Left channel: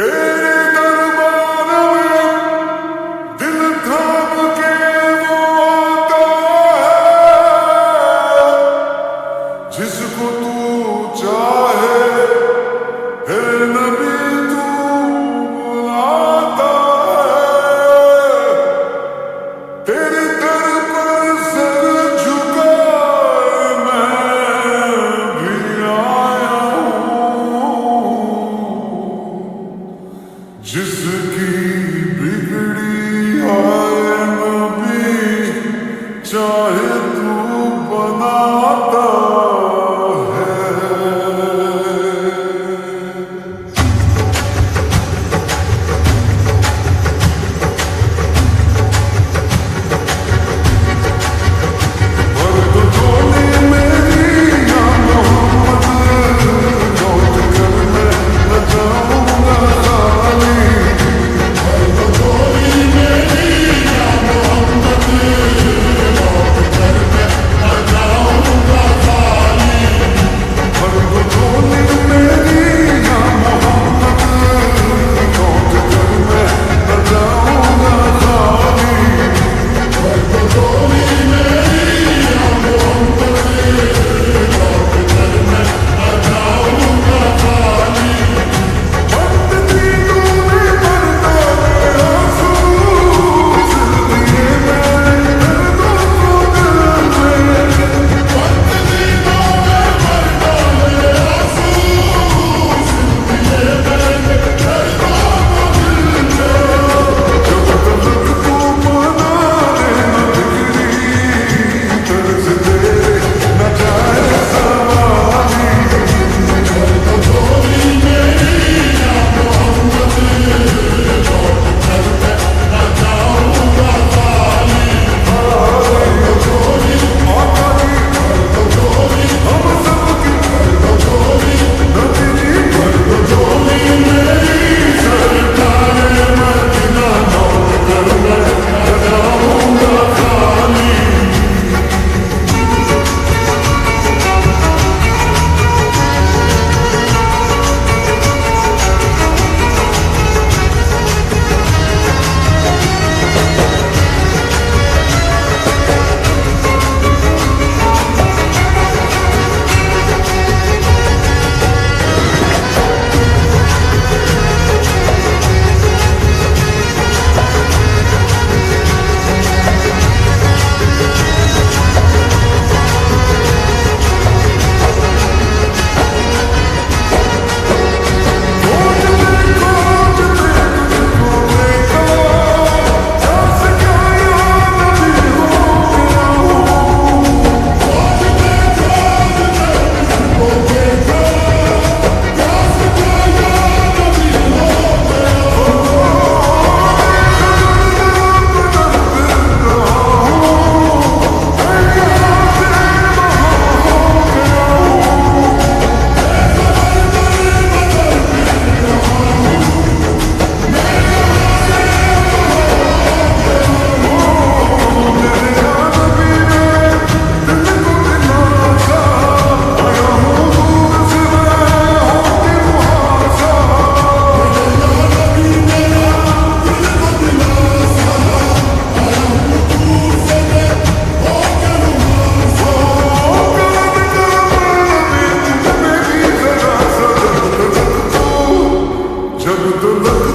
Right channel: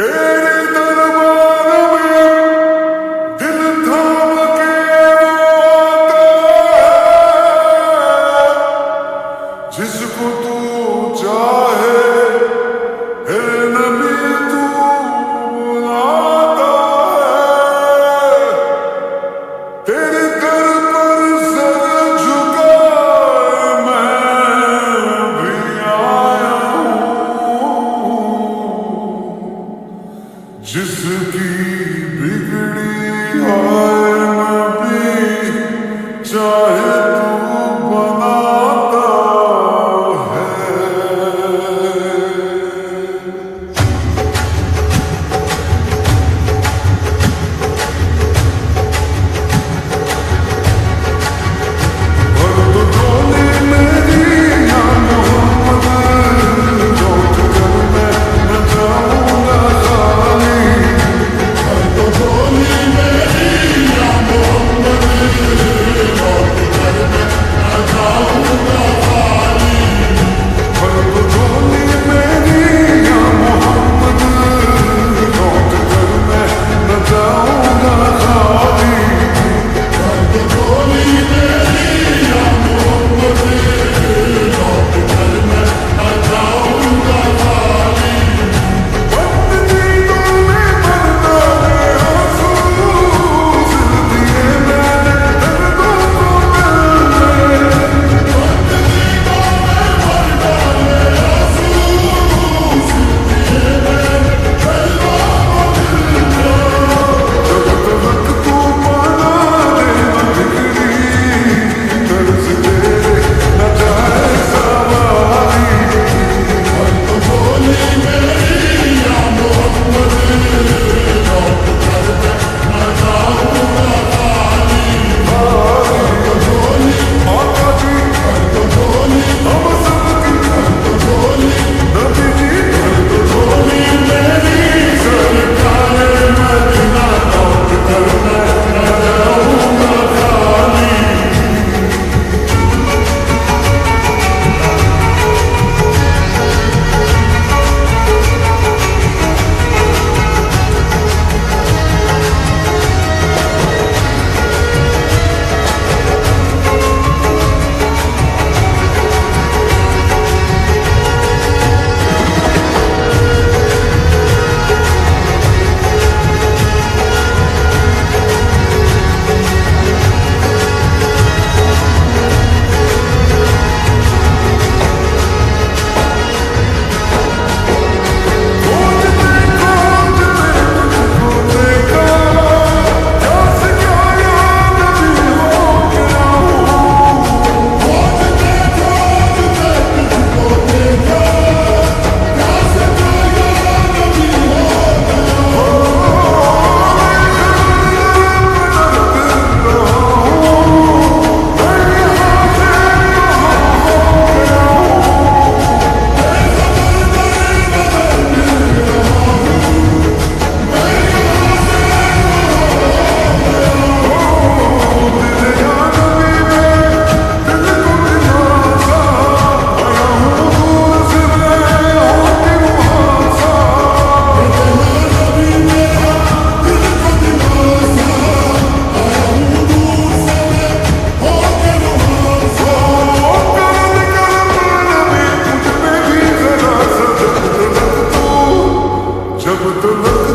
तेरे दरबार में दिल थाम के वो आता है, जिसको तू चाहे हे नबी तू बुलाता है। तेरे दर पर सर झुकाए मैं भी आया हूँ, जिसकी बिगड़ी है नबी चाहे तू बनाता है। भर दो झोली मेरी या मोहम्मद, लौट कर मैं न जाऊंगा खाली। भर दो झोली मेरी या मोहम्मद, लौट कर मैं न जाऊंगा खाली। बंद दीदों में मर्दाने आंसू सिल दिए मैंने दर्दों को दिल में। जब तलक तू माना देना बिगड़ी, तर्ज तेरे न जाए सवारी। आका जी हम सबकी नबी जी, भर दो झोली मेरी सरकार मदीना, लौट कर मैं न जाऊंगा खाली। खोजते तुझको देखा, प्यास क्या या नबी हो गया हूँ। मैं खबर पर फिर रहा हूँ, मैं यहाँ से वहाँ हो गया हूँ। दिल या नबी में दिल को दिलासा, आया हूँ दूर से मैं होके रुहासा। ओ करम करम नबी मुझ में भी जरा सा, जब तलक